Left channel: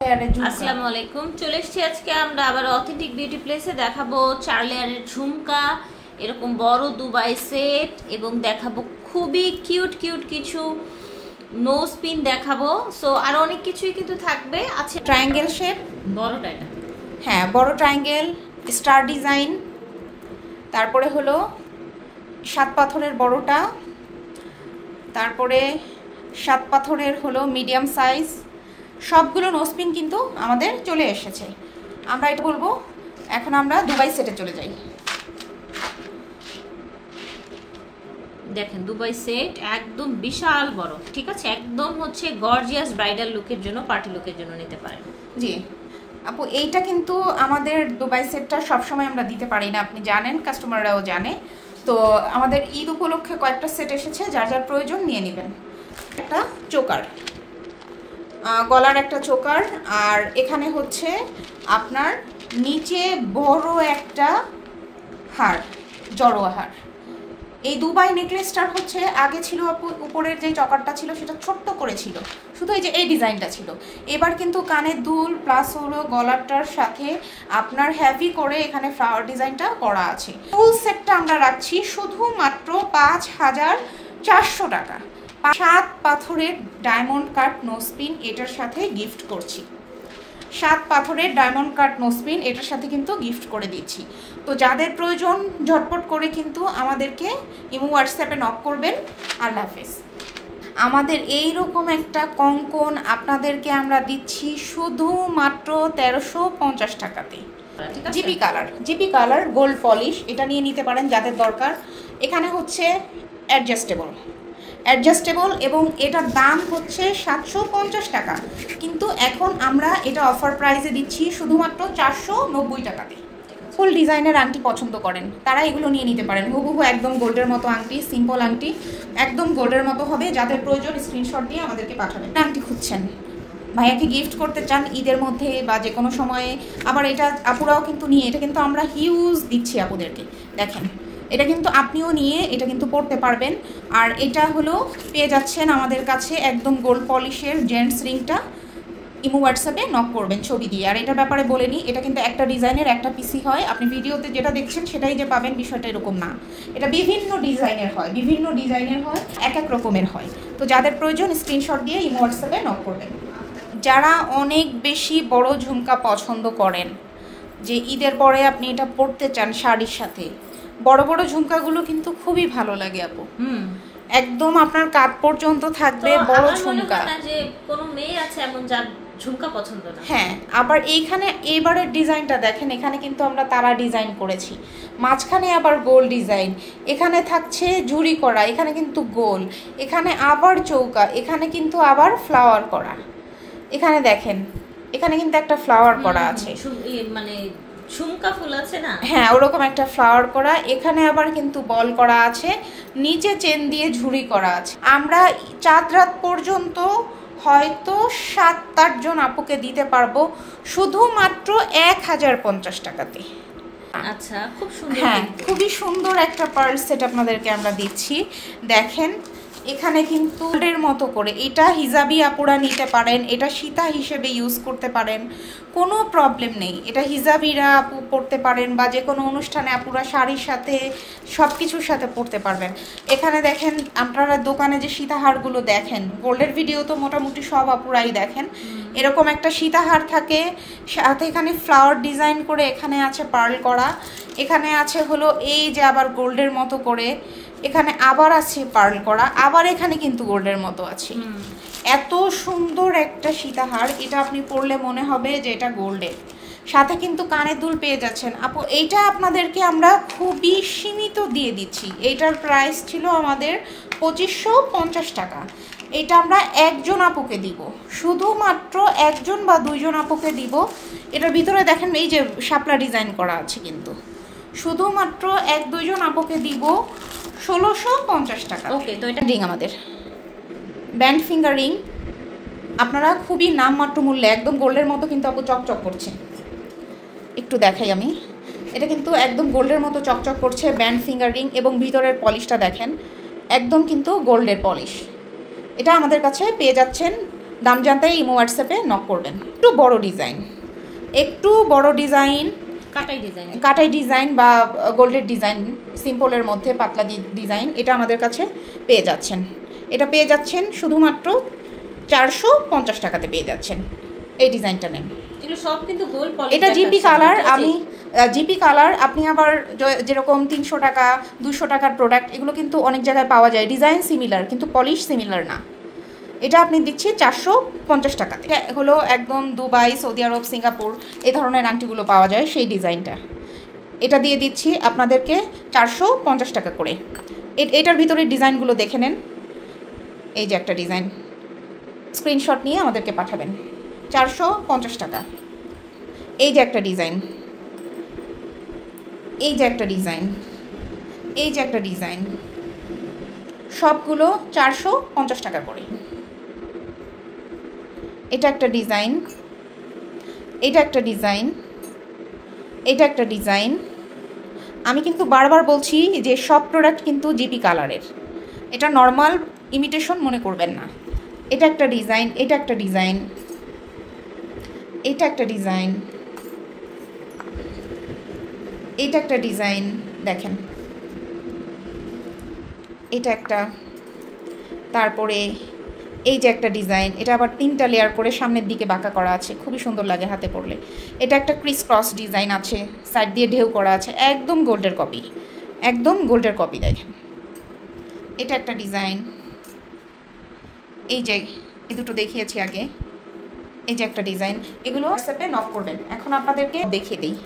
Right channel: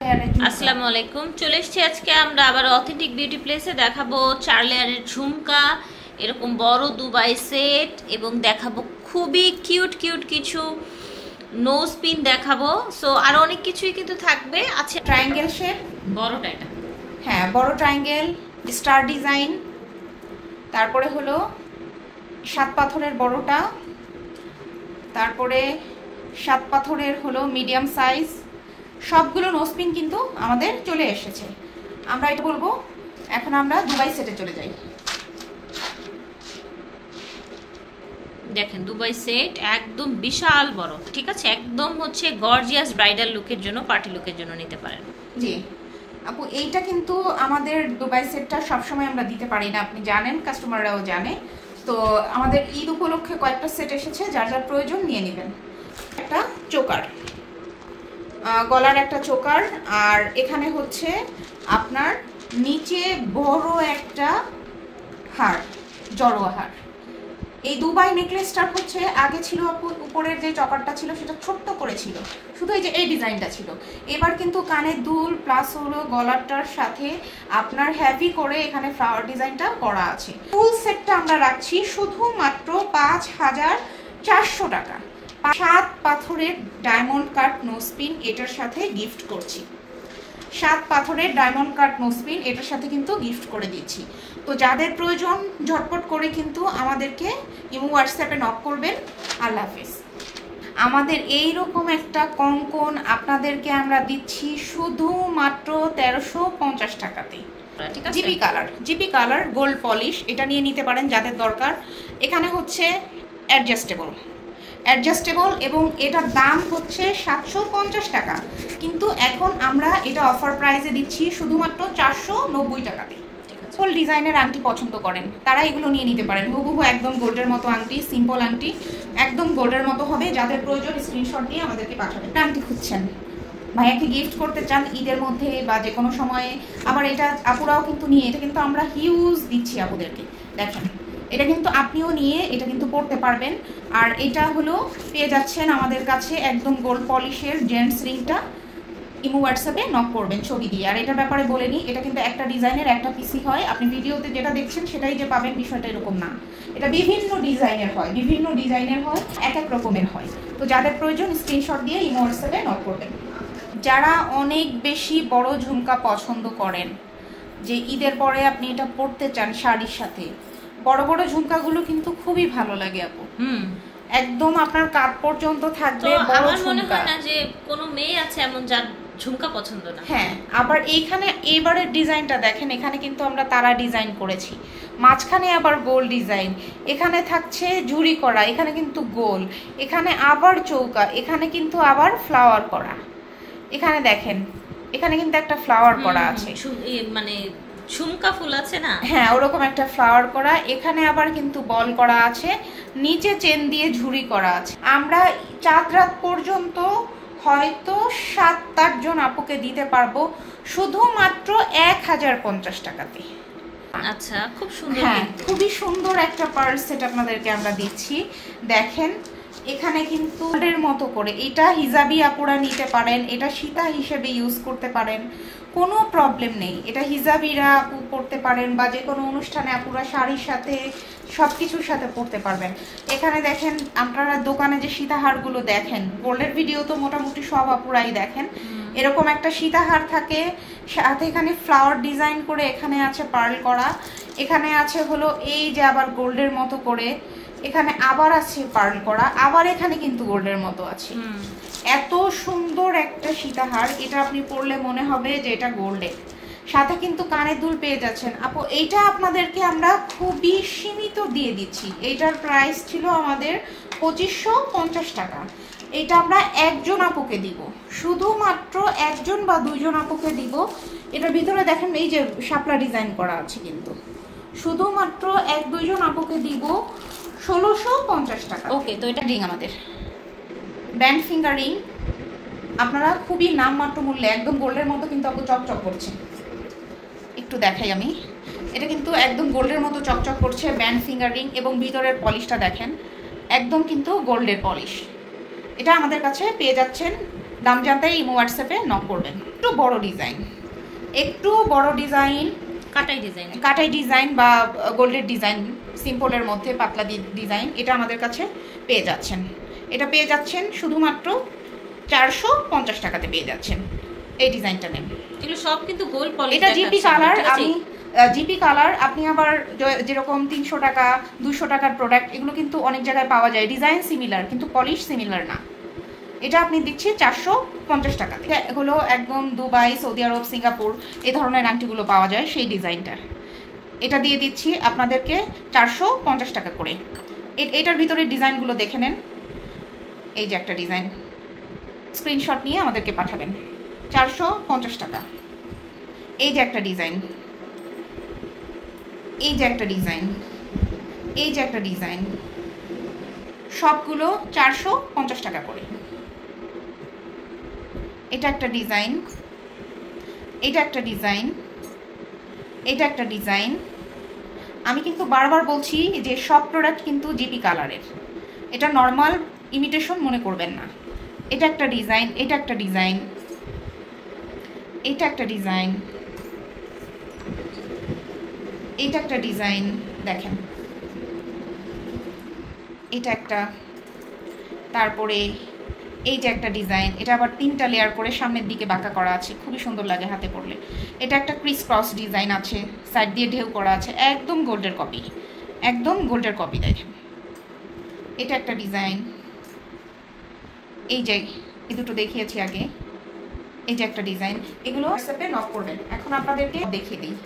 আসসালামু আলাইকুম। চলে এসেছি আজকে আমরা আবার অথেন্টিক বিউটি প্লেসে। দেখাবো 4 লেয়ারের ঝুমকা, এরকম বড় দুবাই সেট, এবং দেখাবো খুবই কিউট কিউট কিছু নোজ পিন দেখাবো। সো আরো অনেক কিছুই কিন্তু থাকবে। আচ্ছা, ট্রায়াঙ্গেল শেপ, বড়টা এটা, হ্যাঁ বড় ট্রায়াঙ্গেল, স্টার ডিজাইন, তারপরে হলো 7 পাথরের বড়টা, তারপরে 7 পাথরের হলো মিডিয়াম সাইজ। সবগুলো নোজপিন কিন্তু আমাদের চলে এসেছে। আমরা এটা বলবো, এখন আমরা দুবাই সেটে চলে যাই। দেখেন দুবাই সেট একদম বিশাল বড়, ঠিক আছে, একদম হচ্ছে গর্জিয়াস ব্রাইডাল লুকের জন্য, পার্টি লুকের জন্য নিতে পারেন। জি আপু, এইটা কিন্তু আমাদের দুবাই সেটটা সবসময় আমরা দিতে পারি না, আপনি জানেন, কাস্টমাররাও জানে। তো আমাদের ঈদ উপলক্ষে কয়েকটা সেট এসেছে, যার যার প্রয়োজন নিয়ে নেবেন। একটা চোকার, গলার একটা চোকার, আর এখানে হচ্ছে আপনার নিচে বড় একটা হার, জড়োয়া হার। এই দুবাই নেকলেসটার হচ্ছে আগে ছিল আপু, উপরের যে চকারটা ছিল সেটা ছোট্ট করে ছিল, শুধু এই যে এই ডিজাইনটা ছিল। এবার কিন্তু কানের দুল প্লাস হলো গলারটার সাথে আপনার হেভি করে এখানে ফ্লাওয়ার ডিজাইনটা করা আছে। ফুল সেটটা আমরা রাখছি শুধুমাত্র ৫,৪০০ টাকা। 7 পাথরের ডায়মন্ড কাট নোজপিন এটার সাথে গিফট করছি। 7 পাথরের ডায়মন্ড কাট নোজপিন এটার সাথে কিন্তু গিফট করে দিচ্ছি। তো যাদের প্রয়োজন ঝটপট করে কিন্তু আমাদেরকে ইমো হোয়াটসঅ্যাপে নক করবেন। আল্লাহ হাফেজ। আমাদের এই রকম একটা কঙ্কন আপনাদেরকে আমরা দিচ্ছি শুধুমাত্র ১৩৫০ টাকাতেই। জিপি কালার গোল্ড পলিশ, এটা নিয়ে নিতে পারেন যাদের দরকার। এখানে হচ্ছে অ্যাডজাস্টেবল এবং এটার দাম হচ্ছে ৭৫০ টাকা, কিন্তু এখন আমরা এটা অফার প্রাইসে দিচ্ছি শুধুমাত্র ৪৯০ টাকাতে। ফুল ডিজাইনের আংটি পছন্দ করেন তারা এগুলো নিয়ে নিতে পারেন। হুবহু একদম গোল্ডের মতো আংটি, সিম্পল আংটি, একদম গোল্ডের মতো হবে। যাদের প্রয়োজন স্ক্রিনশট দিয়ে আমাদেরকে পাঠাবেন। আংটি খুঁজছেন, ভাইয়াকে গিফট করতে চান ঈদের মধ্যে বা যে কোনো সময়ে, আবার এটা আপুরাও কিন্তু নিয়ে, এটা কিন্তু আমরা হিউজ দিচ্ছি আপুদেরকে। দেখেন, এটা কিন্তু আপনিও নিয়ে এটা কিন্তু পড়তে পারবেন। আর এটা হলো পেয়ে যাচ্ছেন আমাদের কাছে একদম গোল্ড পলিশের জেন্টস রিংটা। ইমো হোয়াটসঅ্যাপে নক করবেন ছবি দিয়ে। আর এটার ব্যাপারে বলে নিই, এটা কিন্তু একটা ডিজাইনের একটা পিসি হয়। আপনি ভিডিওতে যেটা দেখছেন সেটাই যে পাবেন বিষয়টা এরকম না, এটা বিভিন্ন ডিজাইনের হয়, এক এক রকমের হয়। তো যাদের প্রয়োজন স্ক্রিনশট দিয়ে ইমো হোয়াটসঅ্যাপে নক করবেন। যারা অনেক বেশি বড় ঝুমকা পছন্দ করেন, যে ঈদের পরে আপনি এটা পরতে চান শাড়ির সাথে, বড় বড় ঝুমকাগুলো কিন্তু খুবই ভালো লাগে আপু। একদম আপনার কাঁধ পর্যন্ত থাকবে বড় ঝুমকা। যে কোনো মেয়ে আছে এমন যার ঝুমকা পছন্দ না? হ্যাঁ, আবার এইখানে এবারের ডিজাইনটা দেখেন, এখানে কিন্তু আমরা তারা ডিজাইন করেছি, মাঝখানে আবার গোল ডিজাইন, এখানে থাকছে ঝুরি করা, এখানে কিন্তু গোল, এখানে আবার চৌকা, এখানে কিন্তু আবার ফ্লাওয়ার করা। এখানে দেখেন, এখানে কিন্তু একটা ফ্লাওয়ার করা আছে, মানে ঝুমকা ফুল আছে না, হ্যাঁ ওরকম একটা ফ্লাওয়ার করা। এখানে আবার কিন্তু বল করা আছে, নিচে চেন দিয়ে ঝুরি করা আছে। আমরা চাঁদ রাত পর্যন্ত হয়তো ৭-৮ জন আপুকে দিতে পারবো শুধুমাত্র ১,০৫০ টাকাতে। আচ্ছা, খুব সুন্দর, হ্যাঁ খুবই সুন্দর একটা পার্ল সেট আপনাদেরকে আমরা দিচ্ছি। দেখেন, এখানে কিন্তু গোল্ডের মতো করে, এটা হিজাবি আপুরা নিতে পারেন, এটা সীতা হিসেবে ইউজ করতে পারেন, কোনো প্রবলেম নেই। এটা হিজাবিরা আপু পরতে পারেন, বা যে কোনো অনুষ্ঠানে আপুরা শাড়ির সাথে সব কিছুর সাথে পরতে পারবেন। এখানে দেখেন, আপনারা দোকানে যে সীতাহারগুলো দেখেন, গোল্ডের ভিডিও তো মোটামুটি সব আপুরাই দেখেন, এরকম একটা সীতাহার থাকে, সাথে এখানে ফ্লাওয়ার ডিজাইন করে, এখানে আছে পার্ল করা, এখানে আছে হলো এই যে আবার গোল্ডের মতো করে, এখানে আবার আছে পার্ল করা, আবার এখানে কিন্তু গোল্ডের মতো আছে। এত সুন্দর একটা সীতাহার, এটা আপনি পরলে মনে হবে যে এটা গোল্ডের। সাথে কিন্তু কানের দুল পেয়ে যাচ্ছেন আপু। এইটা আপনাদেরকে আমরা খুবই সীমিত দিয়ে দিচ্ছি। এইটার প্রাইস ছিল আমাদের ২৫৫০ টাকা। এটা আমরা একজন আপুকে দিব, শুধুমাত্র একজন বা দুইজন আপুকে দিব। এটার ভিতরে দেখেন এই যে শাপলা ডিজাইন করা আছে, কিন্তু শুধুমাত্র ১-২ জন আপুকে দিব ১৬৫০ টাকা। ওকে, তো এটা রিং আমাদের ব্যান্ড ফিঙ্গার রিং, আপনারা খুবই নামমাত্র মূল্যে, একদম গোল্ডের মতো কিন্তু আপু চকচক করছে। একটু দেখাই আমি, এটা কিন্তু একদম গোল্ডের মতো চকচক করছে, ব্যান্ড ফিঙ্গার রিং, এবং ভিতরের পলিশটা দেখেন একদম কিন্তু গোল্ডের পলিশ। এটা আমাদের কাছে পেয়ে যাচ্ছেন দাম জানতে ইমো হোয়াটসঅ্যাপে নক করবেন। একটু বড় ডিজাইন কাটাই ডিজাইন বা গোল্ডের ডিজাইন, সিম্পলের মধ্যে পাতলা ডিজাইন, এটা আমাদের কাছে পেয়ে যাচ্ছেন। এটা পেয়ে যাচ্ছেন শুধুমাত্র 450 টাকাতে পেয়ে যাচ্ছেন। এই ডিজাইনটা নেন, এগুলো সব কিন্তু গোল্ড পলিশ। এটা জিপি কালার। আমি জিপি কালার, আপনি আবার যেরকম 300 টাকা 200 টাকার প্রোডাক্ট, এগুলো কিন্তু অনেক জায়গায় পাওয়া যায়, ডিজাইন সিমিলার কিন্তু পলিশ সিমিলার না। এটা আপনি দিচ্ছি 450 টাকাতে। এগুলো একদম দুবাই, সৌদি আরব, সিঙ্গাপুর এই ধরনের আংটিগুলো পাওয়া যায়, সেই ডিজাইনটা। এটা দিয়ে দিচ্ছি আপনাদেরকে 450 টাকা করে। এটার ভিতরে ডিজাইনগুলো দেখে নেন। এই যে একটা ডিজাইন, স্ক্রিনশট নিয়ে আমাদেরকে পাঠাবেন, 450 টাকা। এই যে একটা ডিজাইন, এই যে একটা ডিজাইন, এই যে একটা ডিজাইন, সবগুলো 450 টাকা করে। এটা একটা ডিজাইন, এটা একটা ডিজাইন, এটা একটা ডিজাইন। আমি কিন্তু বারবার বলছি যে সব প্রোডাক্ট কিন্তু জিপি কালারের, এটা নর্মাল ইমিটেশন মনে করবেন না। এটা একটা ডিজাইন, এটা একটা ডিজাইন, এটা একটা ডিজাইন, এটা একটা ডিজাইন দেখেন, এটা একটা, তারপরে এই যে একটা ডিজাইন, এটা আবার 3টা লেয়ার করে সামনের দিকে বাঁকা করা আছে, খুবই সুন্দর লাগে হাতে পরলে। এটা একটা ক্রিস ক্রস ডিজাইন আছে, সাইড দিয়ে ঢেউ করা আছে, একদম গোল্ডের কপি, একদম গোল্ডের কপি দেখেন। এটা একটা ডিজাইন, এই যে এই দুটো দেখিয়েছি আগে, এই যে একটা ডিজাইন। এগুলো হোয়াটসঅ্যাপে নক করবেন। এখন আপনাদেরকে দেখিয়ে দিই,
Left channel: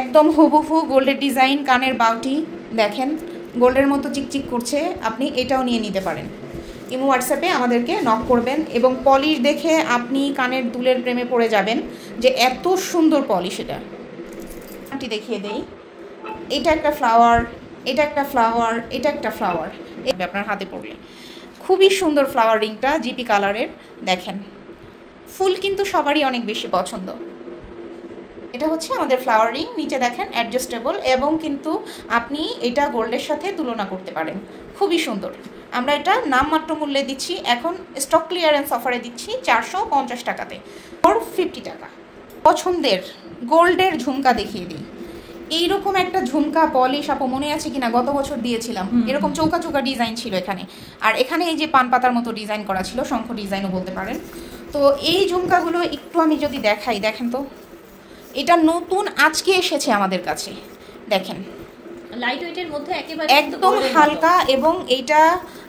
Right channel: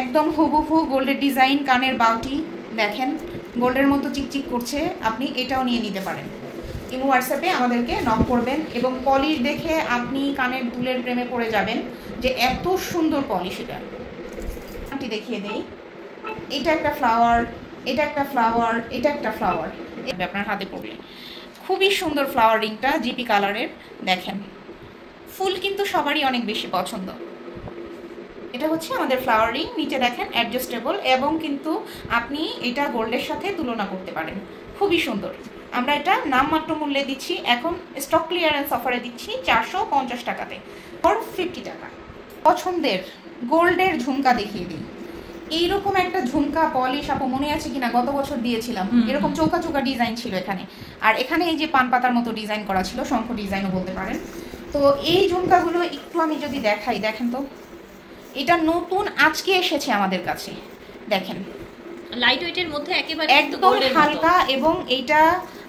একদম হুবহু গোল্ডের ডিজাইন, কানের বাউটি দেখেন, গোল্ডের মতো চিকচিক করছে। আপনি এটাও নিয়ে নিতে পারেন। ইমো হোয়াটসঅ্যাপে আমাদেরকে নক করবেন, এবং পলিশ দেখে আপনি কানের দুলের প্রেমে পড়ে যাবেন যে এত সুন্দর পলিশ। এটা আমি দেখিয়ে দেই, এটা একটা ফ্লাওয়ার, এটা একটা ফ্লাওয়ার, এটা একটা ফ্লাওয়ার, আপনার হাতে পড়লে খুবই সুন্দর ফ্লাওয়ারিংটা জিপি কালারের দেখেন। ফুল কিন্তু সবারই অনেক বেশি পছন্দ। এটা হচ্ছে আমাদের ফ্লাওয়ারিং, নিচে দেখেন অ্যাডজাস্টেবল, এবং কিন্তু আপনি এটা গোল্ডের সাথে তুলনা করতে পারেন, খুবই সুন্দর। আমরা এটা নামমাত্র মূল্যে দিচ্ছি, এখন স্টক ক্লিয়ারেন্স অফারে দিচ্ছি 450 টাকাতে, 50 টাকা। পছন্দের গোল্ডের ঝুমকা দেখিয়ে দিই। এইরকম একটা ঝুমকা পলিশ আপু মনে আছে কিনা, গত বছর দিয়েছিলাম, এরকম চৌকা চৌকা ডিজাইন ছিল এখানে, আর এখানে এই যে পান পাতার মতো ডিজাইন করা ছিল, শঙ্খ ডিজাইনও বলতে পারেন। তো এই ঝুমকাগুলো একটু আমি যদি দেখাই, দেখেন তো, এটা নতুন আজকে এসেছে আমাদের কাছে, দেখেন লাইট ওয়েটের মধ্যে একেবারে একদম হালকা, এবং এইটা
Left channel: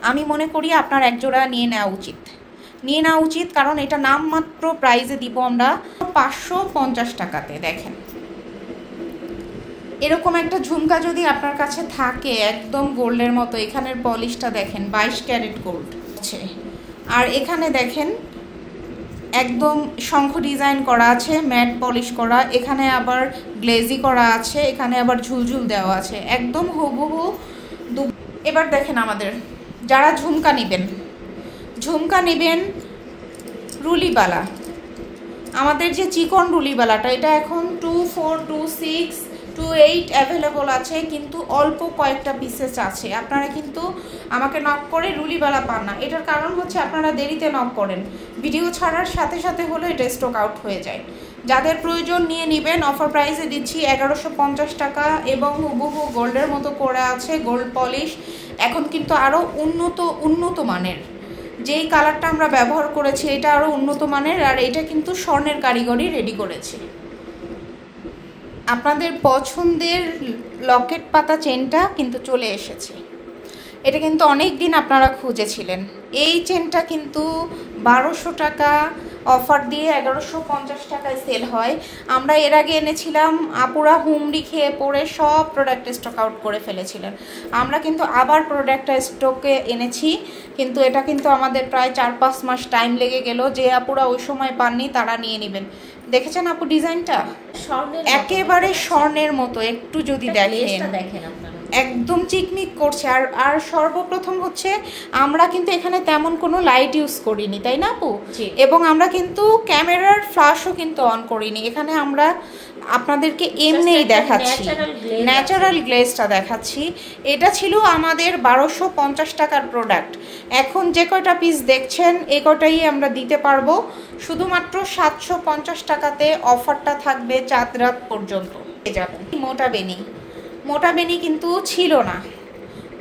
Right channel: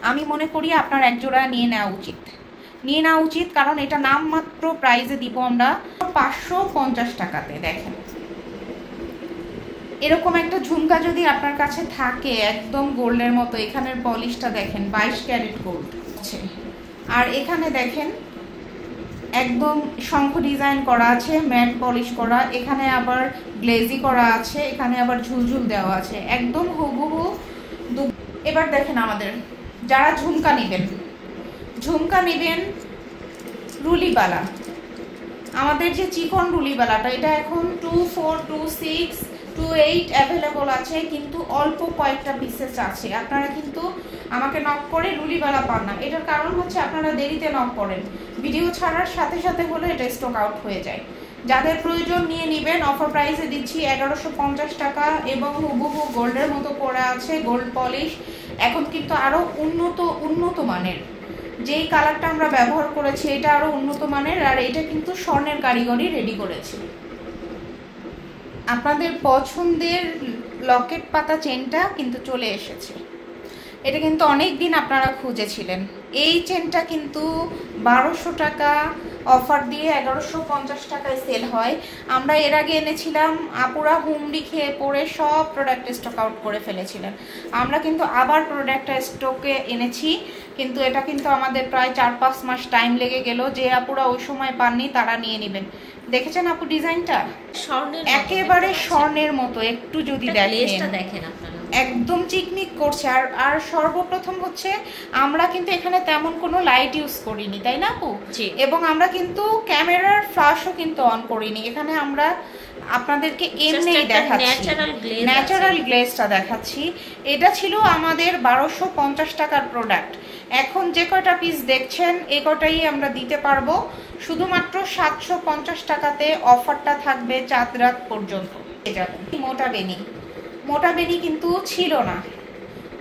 আমি মনে করি আপনার একজোড়া নিয়ে নেওয়া উচিত, কারণ এটা নামমাত্র প্রাইসে দিব আমরা 550 টাকাতে। দেখেন এরকম একটা ঝুমকা যদি আপনার কাছে থাকে একদম গোল্ডের মতো, এখানের পলিশটা দেখেন 22 ক্যারেট গোল্ড আছে, আর এখানে দেখেন একদম শঙ্খ ডিজাইন করা আছে, ম্যাট পলিশ করা, এখানে আবার গ্লেজি করা আছে, এখানে আবার ঝুলঝুল দেওয়া আছে, একদম হুবহু। এবার দেখেন আমাদের যারা ঝুমকা নেবেন রুলিবালা, আমাদের যে চিকন রুলিবালাটা, এটা এখন 2, 4, 2, 6, 2, 8 অ্যাভেলেবল আছে, কিন্তু অল্প কয়েকটা পিসেস আছে। আপনারা কিন্তু আমাকে নক করে রুলিবালা পান না, এটার কারণ হচ্ছে আপনারা দেরিতে নক করেন, ভিডিও ছাড়ার সাথে সাথে হলে এটা স্টক আউট হয়ে যায়। যাদের প্রয়োজন নিয়ে নেবেন, অফার প্রাইসে দিচ্ছি 1150 টাকা, এবং হুবহু গোল্ডের মতো করা আছে, গোল্ড পলিশ। এখন কিন্তু আরও উন্নত মানের, যেই কালারটা আমরা ব্যবহার করেছি এটা আরো উন্নত মানের, আর এটা কিন্তু স্বর্ণের কারিগরি রেডি করেছে। আপনাদের পছন্দের লকেট পাতা চেনটা কিন্তু চলে এসেছে, এটা কিন্তু অনেক দিন আপনারা খুঁজেছিলেন। এই চেনটা কিন্তু 1200 টাকা অফার দিয়ে 1150 টাকায় সেল হয়। আমরা এর আগে এনেছিলাম, আপুরা হুমড়ি খেয়ে পড়ে সব প্রোডাক্ট স্টক আউট করে ফেলেছিলেন। আমরা কিন্তু আবার প্রোডাক্টটা স্টকে এনেছি, কিন্তু এটা কিন্তু আমাদের প্রায় 4-5 মাস টাইম লেগে গেল। যে আপুরা ওই সময় পাননি তারা নিয়ে নেবেন। দেখেছেন আপু ডিজাইনটা একেবারে স্বর্ণের মতো, একটু যদি দেখেন আপনারা একদম চিকমিক করছে। আর সর্বপ্রথম হচ্ছে আমরা কিন্তু এখানে তেমন কোনো লাইট ইউজ করিনি, তাই না আপু? এবং আমরা কিন্তু ক্যামেরার ফ্ল্যাশও কিন্তু অন করিনি, এখানে আমরা আপনাদেরকে এমনিই দেখাচ্ছি, ন্যাচারাল গ্লেজটা দেখাচ্ছি। এটা ছিল আমাদের 1250 টাকার প্রোডাক্ট। এখন যে কয়টা পিস দেখছেন এই কটাই আমরা দিতে পারবো শুধুমাত্র 750 টাকাতে। অফারটা থাকবে চাঁদ রাত পর্যন্ত। মোটা বেনি কিন্তু ছিল না,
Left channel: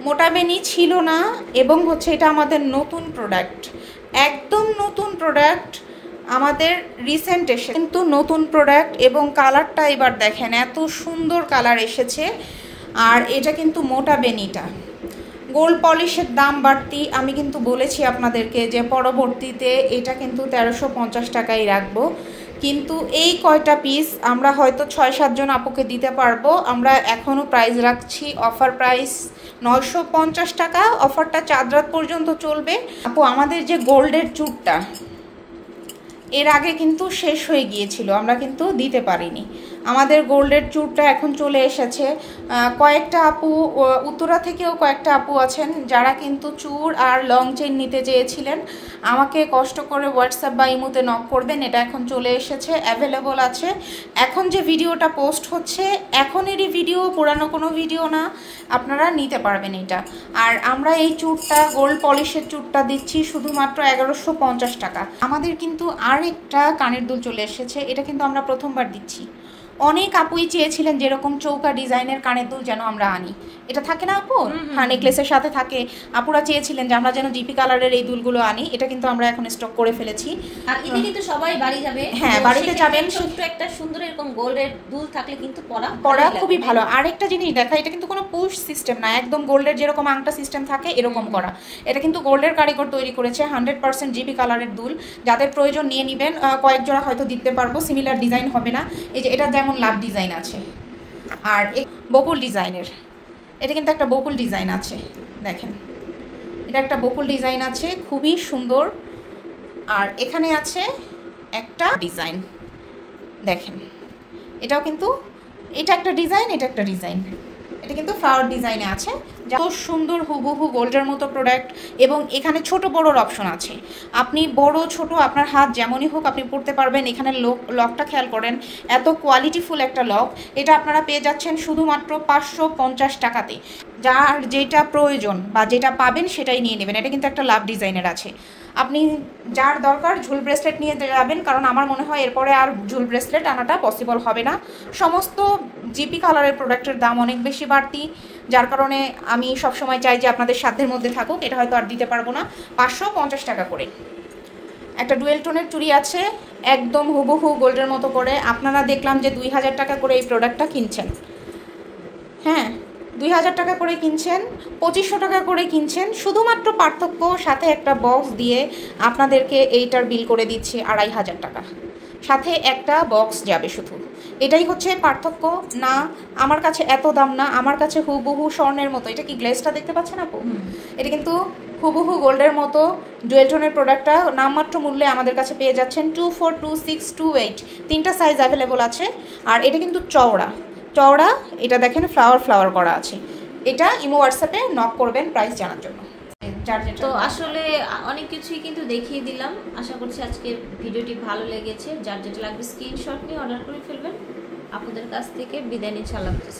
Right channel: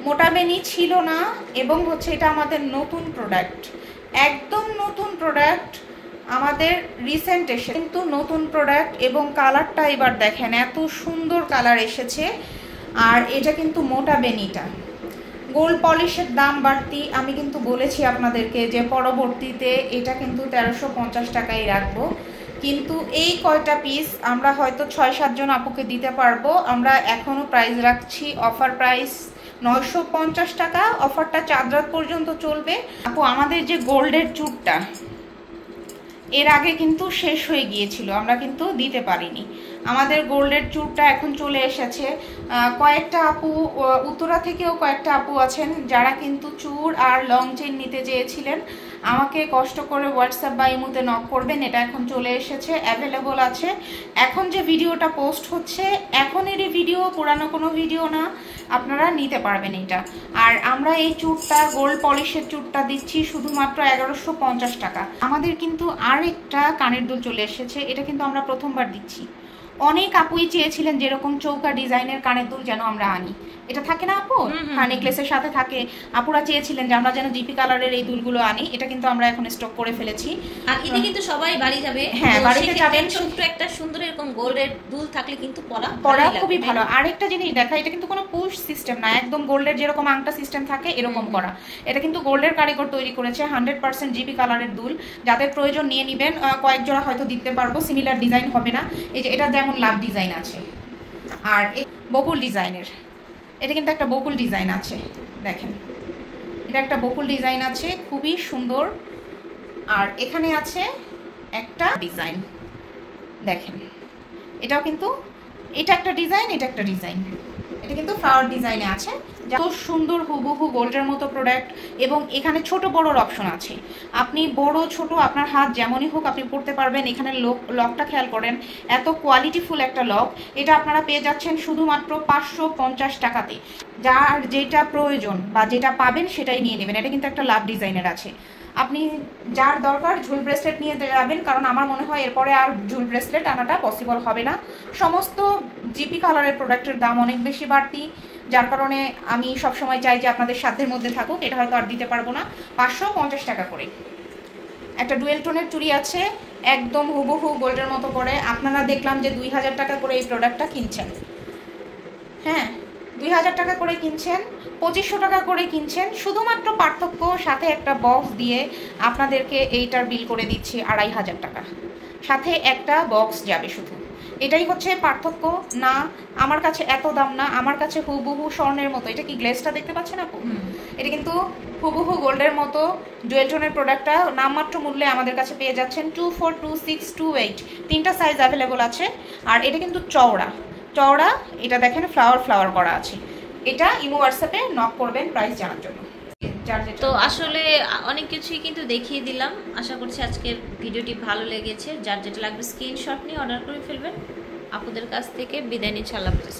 মোটা বেনি ছিল না, এবং হচ্ছে এটা আমাদের নতুন প্রোডাক্ট, একদম নতুন প্রোডাক্ট, আমাদের রিসেন্ট এসে কিন্তু নতুন প্রোডাক্ট। এবং কালারটা এবার দেখেন, এত সুন্দর কালার এসেছে। আর এটা কিন্তু মোটা বেনিটা, গোল্ড পলিশের দাম বাড়তি, আমি কিন্তু বলেছি আপনাদেরকে যে পরবর্তীতে এটা কিন্তু 1350 টাকাই রাখবো। কিন্তু এই কয়টা পিস আমরা হয়তো 6-7 জন আপুকে দিতে পারবো। আমরা এখনো প্রাইস রাখছি, অফার প্রাইস 950 টাকা। অফারটা চাঁদ রাত পর্যন্ত চলবে। আপু আমাদের যে গোল্ডের চুটটা এর আগে কিন্তু শেষ হয়ে গিয়েছিল, আমরা কিন্তু দিতে পারিনি। আমাদের গোল্ডের চুরটা এখন চলে এসেছে। কয়েকটা আপু, উত্তরা থেকেও কয়েকটা আপু আছেন যারা কিন্তু চুর আর লং চেন নিতে চেয়েছিলেন। আমাকে কষ্ট করে হোয়াটসঅ্যাপ বা ইমোতে নক করবেন, এটা এখন চলে এসেছে, অ্যাভেলেবল আছে। এখন যে ভিডিওটা পোস্ট হচ্ছে এখনেরই ভিডিও, পুরানো কোনো ভিডিও না, আপনারা নিতে পারবেন এটা। আর আমরা এই চুরটা, গোল্ড পলিশের চুরটা দিচ্ছি শুধুমাত্র 1150 টাকা। আমাদের কিন্তু আর একটা কানের দুল চলে এসেছে, এটা কিন্তু আমরা প্রথমবার দিচ্ছি। অনেক আপুই চেয়েছিলেন যেরকম চৌকা ডিজাইনের কানের দুল যেন আমরা আনি, এটা থাকে না আপু, নেকলেসের সাথে থাকে, আপুরা চেয়েছিলেন যে আমরা যেন জিপি কালারের এই দুলগুলো আনি। এটা কিন্তু আমরা এখন স্টক করে ফেলেছি। আর এটা কিন্তু সবাই বাড়ি যাবে, হ্যাঁ বাড়িতে যাবেন, ছোট্ট একটা সুন্দর এরকম গোল্ডের দুল থাকলে কিন্তু পরা খুবই ভালো। আরেকটা জিনিস দেখা, এটা কিন্তু কোনো পুশ সিস্টেম না, একদম গোল্ডের যেরকম আংটা সিস্টেম থাকে এরকম করা। এটা কিন্তু গোল্ডের কারিগর তৈরি করেছে, 100% জিপি কালারের দুল। যাদের প্রয়োজন নিয়ে নেবেন, কয়েক জোড়া হয়তো দিতে পারবো, সিমিলার ডিজাইন হবে না। এই যে এটা যেমন লাভ ডিজাইন আছে, আর বকুল ডিজাইনের, এটা কিন্তু একটা বকুল ডিজাইন আছে, দেখেন এটা একটা বকুল ডিজাইন আছে, খুবই সুন্দর। আর এখানে আছে একটা ডিজাইন, দেখেন এটাও কিন্তু, এটা একটা ডিজাইন, এটা একটা ডিজাইন, এটা কিন্তু ফ্লাওয়ার ডিজাইনে আছে। যত সুন্দর হুবহু গোল্ডের মতো প্রোডাক্ট। এবং এখানে ছোট বড়োর অপশন আছে, আপনি বড় ছোট আপনার হাত যেমনই হোক আপনি পড়তে পারবেন। এখানে লকটা খেয়াল করেন, এত কোয়ালিটিফুল একটা লক। এটা আপনারা পেয়ে যাচ্ছেন শুধুমাত্র 550 টাকাতে। যার যেটা প্রয়োজন বা যেটা পাবেন সেটাই নিয়ে নেবেন। এটা কিন্তু একটা লাভ ডিজাইনের আছে, আপনি যার দরকার ঝুল ব্রেসলেট নিয়ে যাবেন, কারণ আমার মনে হয় এরপরে আর ঝুল ব্রেসলেট আনাটা পসিবল হবে না। সমস্ত জিপি কালারের প্রোডাক্টের দাম অনেক বেশি বাড়তি, যার কারণে আমি সবসময় চাই যে আপনাদের সাধ্যের মধ্যে থাকুক। এটা হয়তো আর দিতে পারবো না। 550 টাকা করে একটা ডুয়েল টোনের চুড়ি আছে, একদম হুবহু গোল্ডের মতো করে। আপনারা দেখলাম যে 2000 টাকা করে এই প্রোডাক্টটা কিনছেন, হ্যাঁ 2000 টাকা করে কিনছেন, 2500 টাকা করে কিনছেন। শুধুমাত্র পার্থক্য সাথে একটা বক্স দিয়ে আপনাদেরকে এইটার বিল করে দিচ্ছি 2500 টাকা, সাথে একটা বক্স যাবে শুধু। এটাই হচ্ছে পার্থক্য। না আমার কাছে এত দাম না, আমার কাছে হুবহু স্বর্ণের মতো। এটা কি গ্লেজটা দেখতে পাচ্ছেন আপু? এটা কিন্তু হুবহু গোল্ডের মতো জুয়েল টোনের প্রোডাক্টটা নামমাত্র মূল্যে আমাদের কাছে পেয়ে যাচ্ছেন। 24, 26, 28 তিনটা সাইজ অ্যাভেলেবল আছে। আর এটা কিন্তু চওড়া, এটা দেখেন ফ্লাওয়ার করা আছে। এটা ইমো হোয়াটসঅ্যাপে নক করবেন প্রাইস জানার জন্য। তো আসলে অনেক কিছুই কিন্তু দেখিয়ে দিলাম। আশা করছি আজকের ভিডিওটি ভালো লেগেছে। যার যেটা লাগবে স্ক্রিনশট নিয়ে অর্ডার করে ফেলবেন। আপনাদের কাছ থেকে বিদায় নিচ্ছি। আল্লাহ হাফেজ।